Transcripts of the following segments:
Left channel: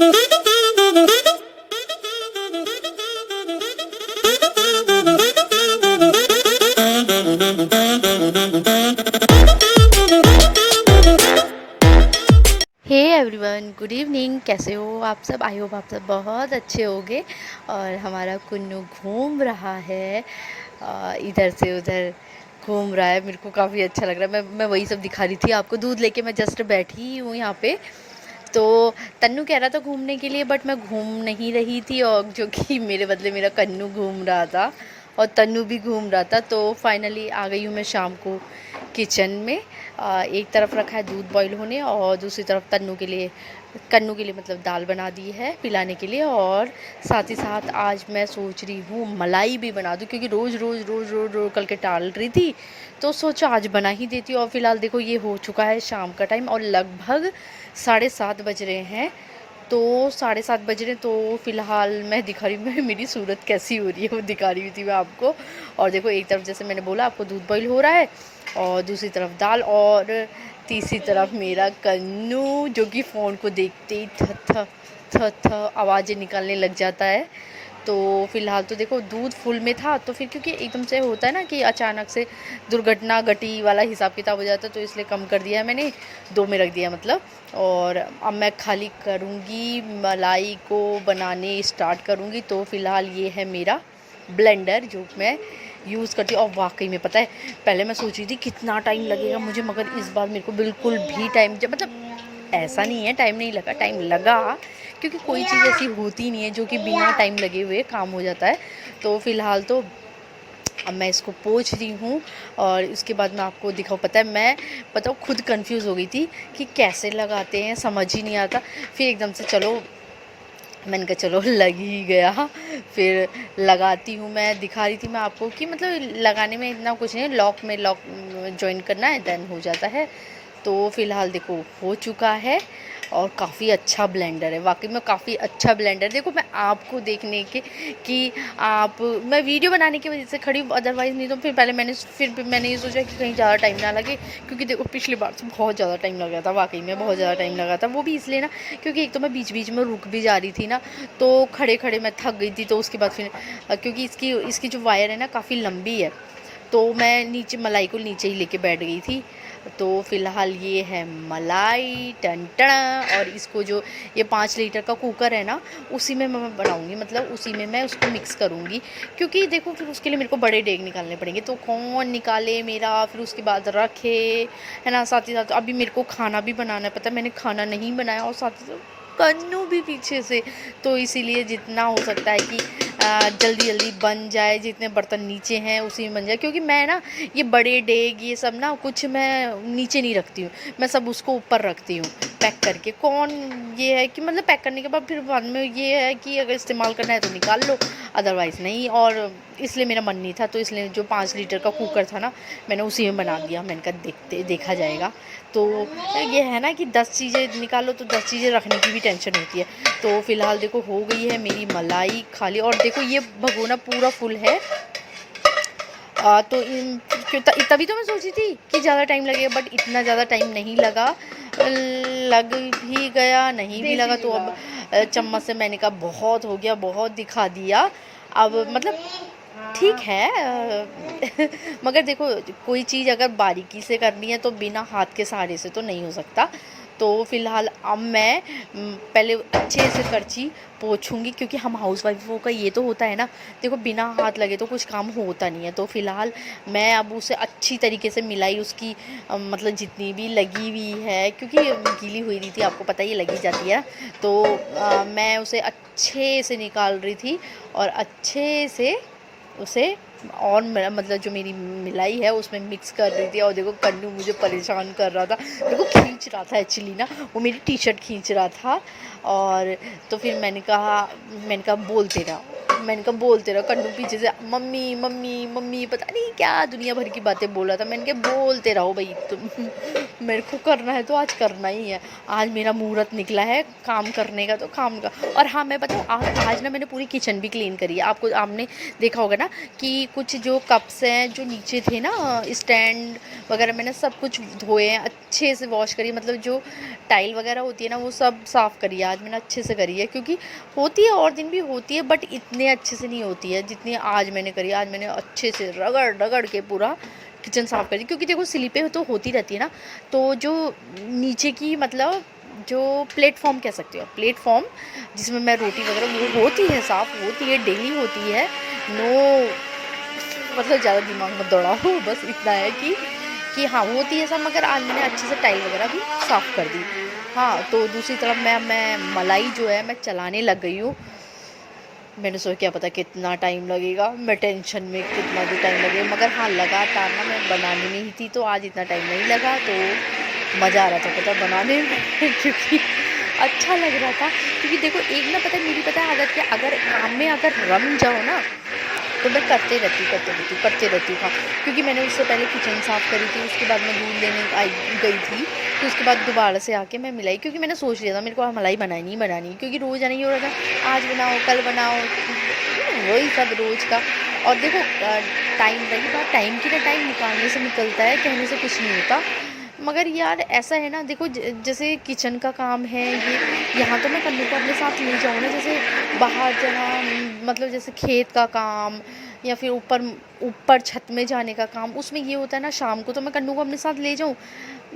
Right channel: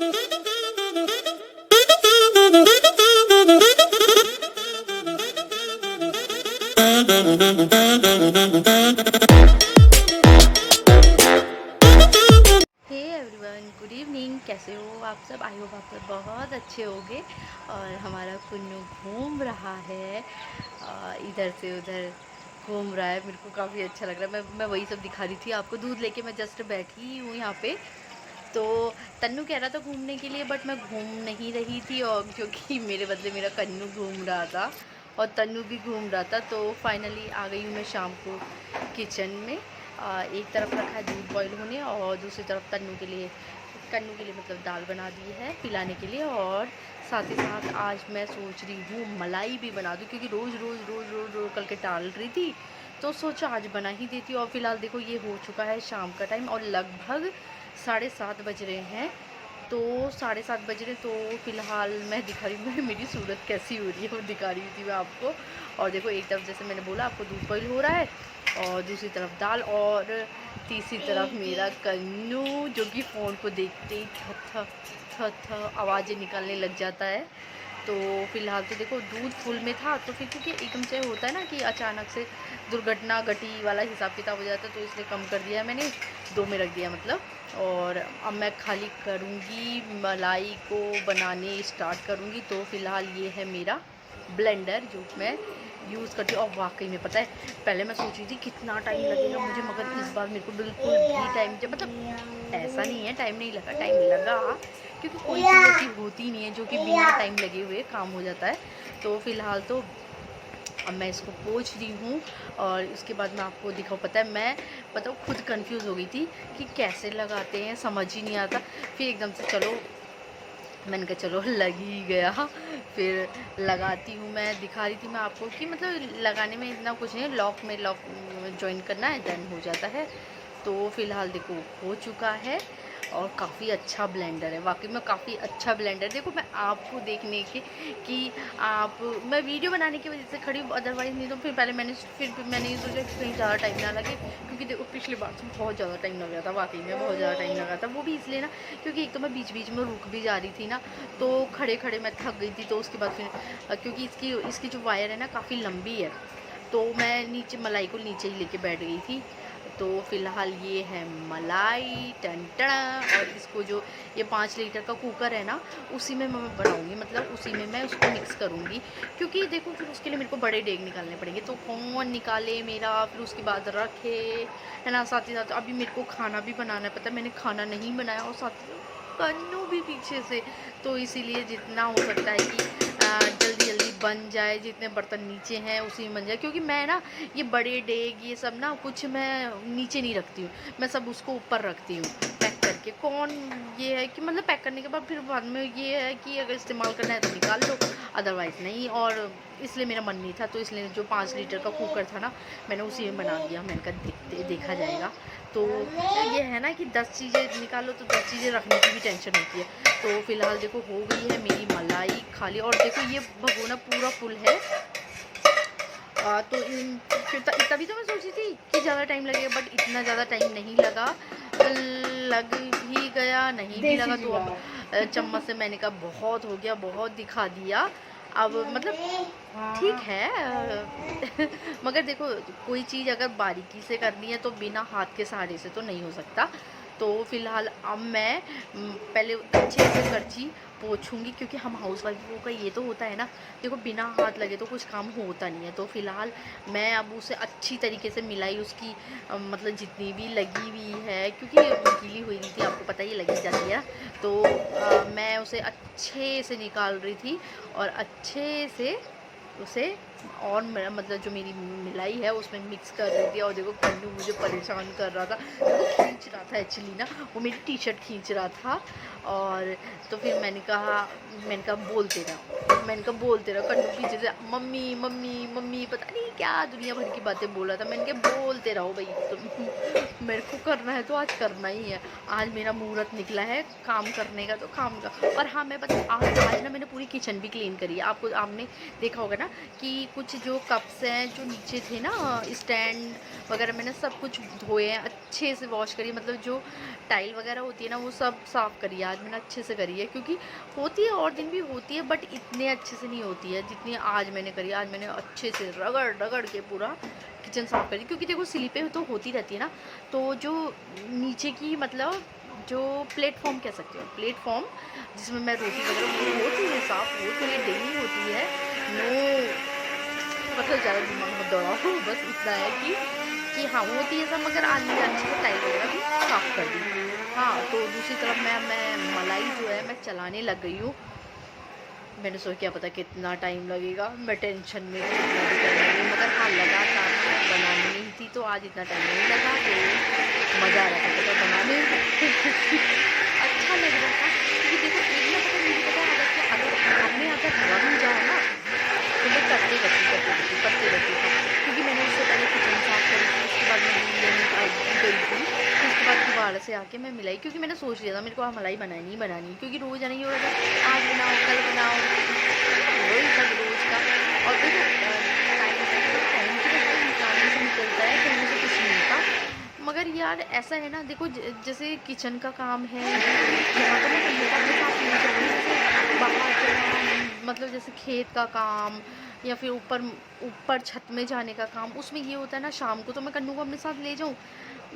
Hey everyone, good evening. कैसे हो आप सब? आई होप आप सब बहुत अच्छे होंगे। और हमारा कुन्नू घूम रहा है, इधर से उधर घूम रहा है। मेरे को काफ़ी अच्छा लग रहा है। मैं वही सब दिखा रही थी आपको। दूध लेके मैं जस्ट बैठी हूँ यहाँ पे। तो तन्नू कह रहा था घूमने के लिए, बट मैं घूम नहीं रही थी, और जो कि मेरे बदले मेरा कन्नू घूम रहा था और तन्नू भी घूम रहा था। तो फाइनली आ गई हूँ मैं शाम को किचन में। एक तरफ रखा है दूध बॉईल होने, और दूसरी तरफ कन्नू के लिए मतलब दाल बना दी है पिलाने के लिए। और साथ ही साथ आज मैं सोच रही हूँ मलाई भी बना दूँ, क्योंकि रोज़ रोज़ रोज़ रोज़ रोज़ करके टाल रही थी। तो सोचा आज बना ही देती हूँ। और फिलहाल देखो ये हो चुका है शाम का टाइम, और लगभग 7:30 बज रहे हैं। तो 7:30 बज रहे, तो फ़िलहाल मैं दिखा रही हूँ मेरी सूरत कैसी हो रही है, वो दिखा रही थी मैं आपको। और देखो एक तरफ जैसे मैंने बोला आपको दूध बॉईल हो रहा है, और दूसरी तरफ दाल, और तीसरी तरफ मेरा कन्नू जो कि फ़ोन को देखते ही थ थ थ थ आवाज़ें निकालने लग जाता है। तो फ़िलहाल तो देखो दूध फुल में था, तो फिर क्योंकि एकदम से होता है ना कि अचानक से दुर्घटना घटी वाला हिसाब किताब हो जाता है, तो इसलिए कम कर दिया है मैंने, 2 में रख दिया मतलब। और अब मैं खाली करूँगी, मलाई को बनाने स्टार्ट करूँगी। तो फ़िलहाल ये है मेरा ब्लेंडर जो मैं यूज़ करती हूँ। और वाकई में पता है, पहले मैं सोच रही थी कितना टाइम लगेगा मुझे, मगर इस बार मेरे को बिल्कुल भी टाइम, जब मतलब ऐसा नहीं है टाइम नहीं लगा, टाइम लगा, क्योंकि कोई चीज़ ऐसी होती नहीं है जो कि बिना टाइम लगे हुए काम हो जाता है। तो फ़िलहाल तो अब मैं इसको पोंछ रही हूँ, और उसके बाद मैं आपको दिखाऊँ। पता है मैं बताऊँ खुद कंफ्यूज हो गई थी कि कैसे लगाते हैं, समझ ही नहीं आता। फिर एकदम से चलो मैंने कहा चलो लग ही गया। फिर लगाती हूँ, मैं दिखा रही थी मैं आपको कि मतलब लगाने में इतना कुछ नहीं है, लॉक जॉइन करना है देन हो जाता है। तो फ़िलहाल देखो हो चुका है, और काफ़ी अच्छा ब्लेंडर है, वाकई में काफ़ी अच्छा ब्लेंडर। देखो मैं आपको देखने के कि आप मैं वीडियो बनाने की वजह से खड़ी हूँ, अदरवाइज़ नहीं तो फिर मैंने ये सोचा कि कहीं ज़्यादा टाइम ना लगे, क्योंकि देखो पिछली बार से बहुत ज़्यादा टाइम लगा था, वाकई में बहुत ज़्यादा टाइम लगा था। वो भी इसलिए ना क्योंकि एक तो मैं बीच बीच में रुक भी जा रही थी ना, तो खड़े खड़े मैं थक गई थी। तो उसके बाद फिर क्योंकि इसकी इसकी जो वायर है ना काफ़ी लंबी है, तो मैं नीचे मलाई को नीचे ही लेके बैठ गई थी। तो फ़िलहाल ये है मलाई टन टना। और इसको जो ये 5 लीटर का कुकर है ना, उसी में मैं बनाऊँगी, मतलब उसी में मैं उसको मिक्स करूँगी। क्योंकि देखो फिर उसके लिए मेरे को बड़े देग निकालने पड़ेंगे, तो कौन निकाले मेरा, फिर उसके बाद रखे, है ना। साथ ही साथ अभी मेरे को खाना भी बनाना है, पता है मैंने खाना नहीं बनाया, और साथ ही साथ कन्नू भी पीछे से। तो इसीलिए जितना हो सकता है कि जल्दी जल्दी बन जाए, जितने बर्तन नीचे हैं उसी में बन जाए। क्योंकि मैं ना ये बड़े डेग ये सब ना कुछ मैं नीचे नहीं रखती हूँ, मैं सब उसको ऊपर रखती हूँ पैक करके। कौन ये है कि मतलब पैक करने के बाद में ये है कि अगर इस्तेमाल करना है तो निकाल लो, अदरवाइज़ नहीं। और इसलिए मेरा मन नहीं था, तो इसलिए जो 5 लीटर का कुकर था ना, मैंने उसी में बना दिया। मैंने कहा देखा जाएगा। तो ये है ना कि 10 चीज़ें निकालो तो 10 चीज़ें रखने की भी टेंशन होती है। तो फ़िलहाल देखो हो गई है मेरी मलाई खाली, और देखो ये भगोना पूरा फुल है। तो तभी तो मैं सोची थी कि ज़्यादा टाइम लगेगा, बट इतना ज़्यादा टाइम नहीं लगा। लग ही गया, नहीं भी लगा तो अब चम्मच से मैंने कहा बहुत हो गया, बहुत दिखा दिया। अब मतलब ठीक है। मगर देखो कोई चीज़ अगर बारीकी से करनी है तो बिना हाथ के सहारे से तो नहीं हो सकता। तो फ़िलहाल अब मैं पहले अच्छे से करछी पोंछूँगी, क्योंकि हम हाउसवाइफ़ों का ये तो होता है ना, देखो बिना हाथ लगे तो कुछ काम होता नहीं है। तो फ़िलहाल मैं अब उसे अच्छी तरीके से मिलाई उसकी, मतलब जितनी भी लगी हुई है, क्योंकि गीली हुई नहीं थी, आपको पता ही लगी जाती है। तो मैं उसे अच्छे से निकाल रही थी, और अच्छे से उसे, और मेरा मतलब जो मेरी मिलाई है उसमें मिक्स कर रही थी। और देखो कन्नू मुझे परेशान कर रहा था, देखो खींच रहा था एक्चुअली ना, वो मेरी टी शर्ट खींच रहा था। और तो फिर मैंने कहा बोलते रहो। कन्नू पीछे से मम्मी मम्मी मम्मी पता नहीं क्या दुनिया भर की बातें बोल रहा था। मैंने कहा बोलते रहो भाई तुम। मेरे को करना है तो आज करना ही है। आज मेरा मुहूर्त निकला है काम करने का, तो काम का। और हाँ मैं बताऊँ, आज ना मैंने पूरी किचन भी क्लीन करी है। आपने देखा होगा ना कि कुछ जो कप्स हैं जो नीचे थे ना, स्टैंड वगैरह, मैंने सब कुछ धोए हैं, अच्छे से वॉश करी, मतलब जो टाइल वगैरह होती है ना वो सब साफ़ करी है आज मैंने, अच्छे से करी है। क्योंकि होती है और दिन भी होती है, बट इतने अच्छे से नहीं होती है जितनी आज मैंने करी। आज मैंने अच्छे से रगड़ रगड़ के पूरा किचन साफ़ करी, क्योंकि देखो स्लिपें तो होती रहती है ना, तो जो नीचे की मतलब जो प्लेटफॉर्म कह सकते हो, प्लेटफॉर्म जिसमें मैं रोटी वगैरह, वो होती है साफ़, होती है, डेली होती है। नो मतलब ज़्यादा दिमाग मत दौड़ाओ, बस इतना है कि हाँ होती है सब, मगर आज मैंने अच्छे से टाइल वगैरह भी साफ़ कर दी। हाँ, तो दूसरी तरफ मैं मलाई जो है मैं चलाने लग गई हूँ। मैंने सोचा क्या पता कितना टाइम लगेगा, मैं टेंशन में कितना भी टाइम लगेगा, मगर हाँ लगातार ना मैं बनानी नहीं थी, तो आज इतना टाइम नहीं लगा, तो मज़ा आ रहा था पता बनाने में क्योंकि अच्छा लग रहा था। क्योंकि देखो एक ना पता मेरी पता आदत क्या, अगर काम में अगर रम जाओ ना तो मैं करते रहती हूँ। हाँ, क्योंकि मैंने उससे पहले किचन साफ़ करी थी, उसके बाद मैं दूध लेने गई थी, फिर उसके बाद दोबारा से आके मैं मिलाई, क्योंकि मैंने सोच लिया था मेरे को आज मलाई बनानी ही बनानी, क्योंकि रोज़ नहीं हो रहा था, आज बनाओ कल बनाओ, वही सब रोज़ का। और देखो टाइम रही बात टाइम की, ना टाइम निकालने से निकलता है, कहने से कुछ नहीं होता। मगर यार ऐसा है ना, देखो जैसे किचन का काम है ये, यहाँ तो मैं कन्नू को अपने साथ ले जाऊँ ना, जैसे बाहर जाना, मतलब जैसे खेत का काम या फिर ऊपर ऊपर छत में जाने का काम, उसमें ये होता है ना शाम को तो मैं कन्नू को अपने साथ ले जाऊँ,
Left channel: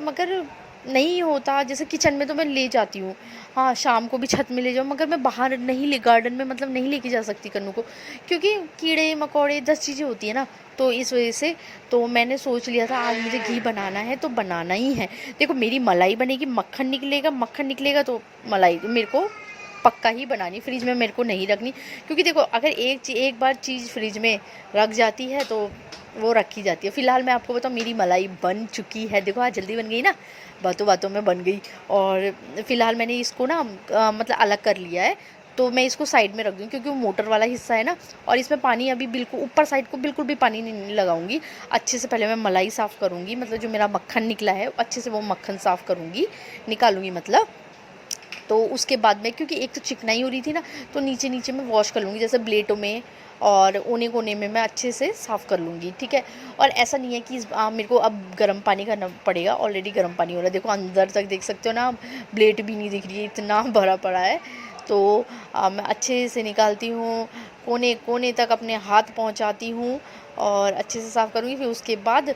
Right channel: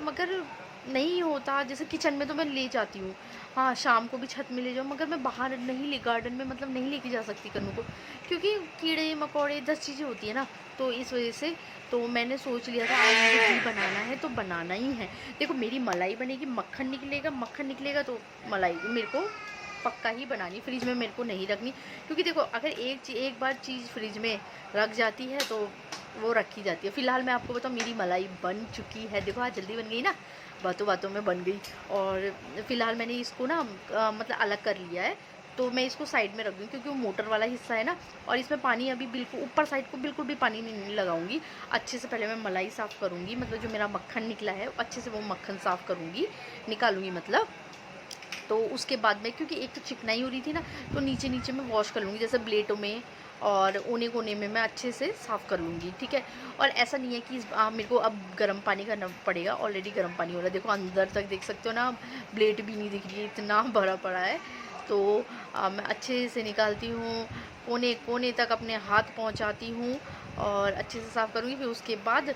मगर नहीं होता। जैसे किचन में तो मैं ले जाती हूँ, हाँ शाम को भी छत में ले जाऊँ, मगर मैं बाहर नहीं ले, गार्डन में मतलब नहीं लेके जा सकती कन्नू को, क्योंकि कीड़े मकोड़े 10 चीज़ें होती है ना, तो इस वजह से। तो मैंने सोच लिया था आज मुझे घी बनाना है तो बनाना ही है। देखो मेरी मलाई बनेगी, मक्खन निकलेगा तो मलाई मेरे को पक्का ही बनानी, फ्रिज में मेरे को नहीं रखनी, क्योंकि देखो अगर एक बार चीज़ फ्रिज में रख जाती है तो वो रखी जाती है। फ़िलहाल मैं आपको बताऊँ मेरी मलाई बन चुकी है, देखो आज जल्दी बन गई ना, बातों बातों में बन गई। और फ़िलहाल मैंने इसको ना मतलब अलग कर लिया है, तो मैं इसको साइड में रख दूँ, क्योंकि वो मोटर वाला हिस्सा है ना, और इसमें पानी अभी बिल्कुल ऊपर साइड को बिल्कुल भी पानी नहीं लगाऊंगी। अच्छे से पहले मैं मलाई साफ़ करूँगी, मतलब जो मेरा मक्खन निकला है अच्छे से वो मक्खन साफ़ करूँगी, निकालूँगी मतलब। तो उसके बाद में, क्योंकि एक तो चिकनाई हो रही थी ना, तो नीचे नीचे मैं वॉश कर लूँगी, जैसे ब्लेटों में और कोने कोने में मैं अच्छे से साफ़ कर लूँगी, ठीक है। और ऐसा नहीं है कि मेरे को अब गर्म पानी करना पड़ेगा, ऑलरेडी गर्म पानी हो रहा है, देखो अंदर तक देख सकते हो ना, ब्लेट भी नहीं दिख रही है, इतना भरा पड़ा है। तो मैं अच्छे से निकालती हूँ, कोने कोने तक अपने हाथ पहुँचाती हूँ और अच्छे से साफ़ करूँगी। फिर उसके बाद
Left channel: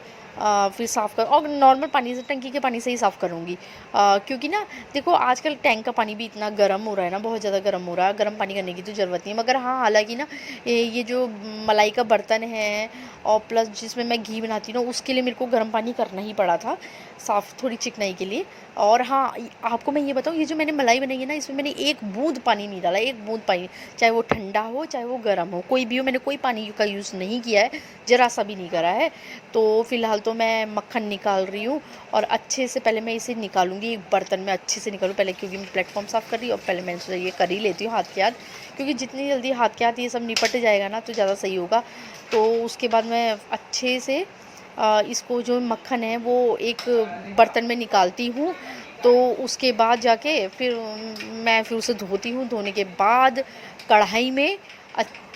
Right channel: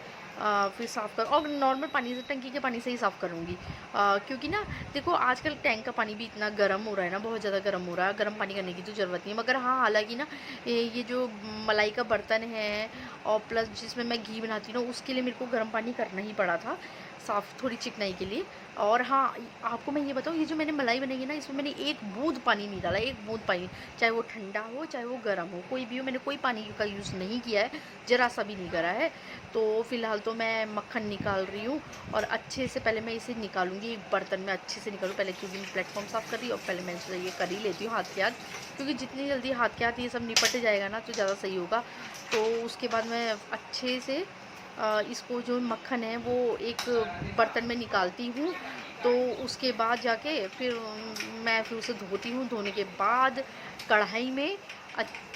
फिर साफ़ कर, और नॉर्मल पानी से, टंकी के पानी से ही साफ़ करूँगी, क्योंकि ना देखो आजकल टैंक का पानी भी इतना गर्म हो रहा है ना, बहुत ज़्यादा गर्म हो रहा है, गर्म पानी करने की तो ज़रूरत नहीं है। मगर हाँ हालांकि ना ये जो मलाई का बर्तन है और प्लस जिसमें मैं घी बनाती हूँ ना, उसके लिए मेरे को गर्म पानी करना ही पड़ा था साफ़, थोड़ी चिकनाई के लिए। और हाँ आपको मैं ये बताऊँ, ये जो मैंने मलाई बनाई है ना, इसमें मैंने एक बूंद पानी नहीं डाला, एक बूंद पानी, चाहे वो ठंडा हो चाहे वो गर्म हो, कोई भी हो, मैंने कोई पानी का यूज़ नहीं किया है, ज़रा सा भी नहीं करा है। तो फ़िलहाल तो मैं मक्खन निकाल रही हूँ, और अच्छे से पहले मैं इसे निकालूंगी एक बर्तन में, अच्छे से निकालूँ पहले, क्योंकि मैं प्लेटफॉर्म साफ़ कर रही हूँ, और पहले मैंने सोचा ये कर ही लेती हूँ हाथ के हाथ, क्योंकि जितनी जल्दी हाथ के हाथ ये सब निपट जाएगा ना तो ज़्यादा सही होगा। तो उसके बाद मैं अच्छे से इसको जो मक्खन है वो एक बर्तन में निकालती हूँ। तो उसके बाद जाके फिर मैं फिर उसे धोती हूँ, धोने के बाद कढ़ाई में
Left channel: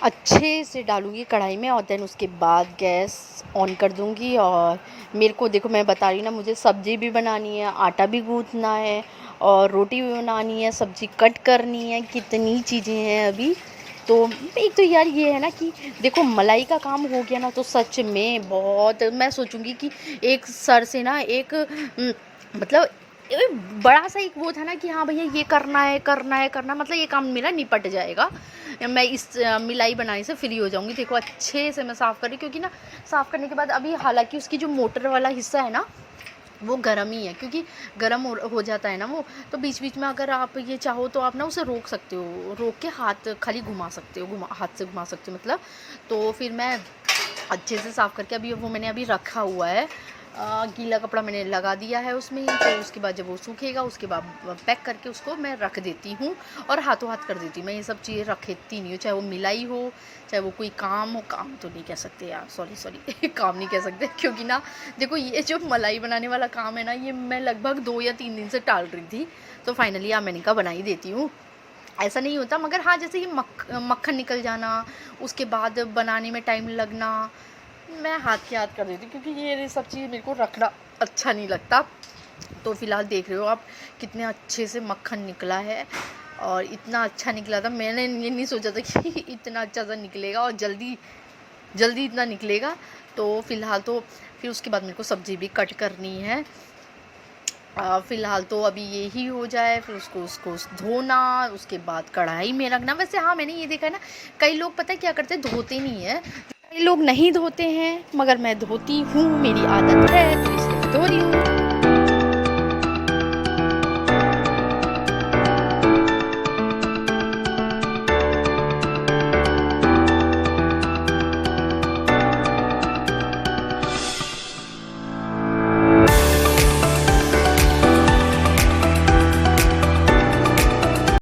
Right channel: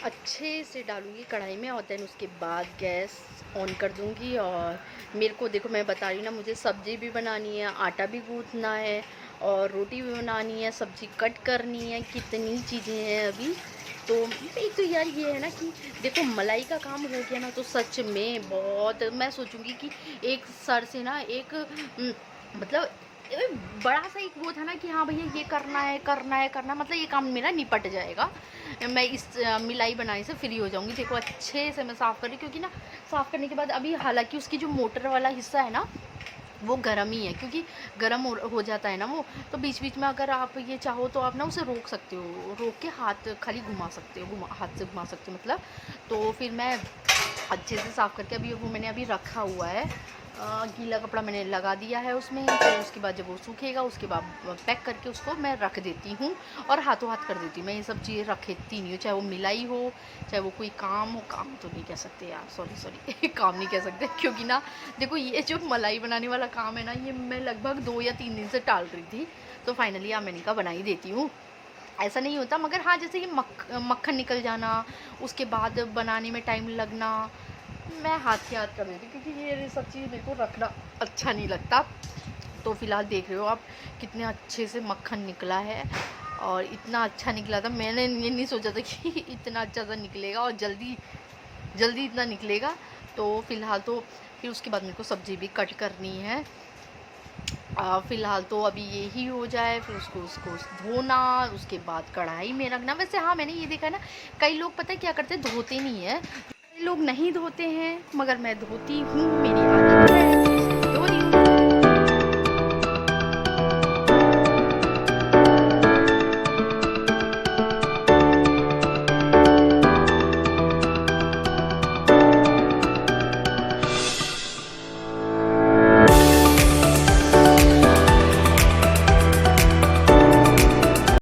अच्छे से डालूँगी कढ़ाई में, और देन उसके बाद गैस ऑन कर दूँगी। और मेरे को देखो मैं बता रही हूँ ना, मुझे सब्ज़ी भी बनानी है, आटा भी गूँथना है, और रोटी भी बनानी है, सब्ज़ी कट करनी है, कितनी चीज़ें हैं अभी। तो एक तो यार ये है ना कि देखो मलाई का काम हो गया ना तो सच में बहुत, मैं सोचूंगी कि एक सर से ना एक मतलब बड़ा सा एक वो था ना कि हाँ भैया ये करना है, मतलब ये काम मेरा निपट जाएगा, मैं इस मिलाई बनाने से फ्री हो जाऊंगी। देखो अच्छे से मैं साफ़ कर रही, क्योंकि ना साफ़ करने के बाद अभी हालांकि उसकी जो मोटर वाला हिस्सा है ना वो गर्म ही है, क्योंकि गर्म हो जाता है ना वो, तो बीच बीच में अगर आप ये चाहो तो आप ना उसे रोक सकते हो, रोक के हाथ खाली घुमा सकते हो, हाथ से घुमा सकते हो मतलब। तो फिर मैं अच्छे से साफ़ करके अभी वो मैंने अभी रखा हुआ है, गीला कपड़ा मैंने लगा दिया है उसमें। तो उसके बाद जब वो सूखेगा उसके बाद पैक करके उसको मैं रख देती हूँ, और हाथों हाथ कर देती हूँ। मैं ये सब चीज़ें रखती नहीं हूँ, चाहे वो मिलाई हो चाहे वो कोई काम हो, काम तो नहीं कह सकते यार, सॉरी काम नहीं कह सकते, क्योंकि ना देखो ये जो मलाई बनाने वाला काम है ना, ये मैं लगभग 2 या 3 दिन से टाल रही थी, तो फाइनली मैंने कहा बना ही देती हूँ। ऐसा नहीं होता, मगर हाँ, जैसे कि मक्खन निकल जाना, उसके बाद बनाने में टाइम लगना, मैं हाथ के हाथ कर देती हूँ, क्योंकि ये सब चीज़ मेरे को रखना अच्छा नहीं लगता। तो फ़िलहाल देख रहे हो आप कितने अच्छे से मक्खन निकला है, और इतना अच्छा निकला था, मैंने ये नहीं सोचा था कि इतना अच्छा सा निकलेगा और जल्दी जल्दी इतना निकलेगा। तो फ़िलहाल तो फिर उसके बाद मेरे को सब्ज़ी भी कट करनी है। फ़िलहाल तो अभी यही हो जाए, फिर उसको उसको धोना, उसके बाद कढ़ाई में रखना। वैसे हाँ, मैंने ये देखा है ना, कई लोग पता है क्या करते हैं, धोते नहीं हैं। कई लोग नहीं धोते हैं, मगर मैं धोती हूँ, मेरी आदत है।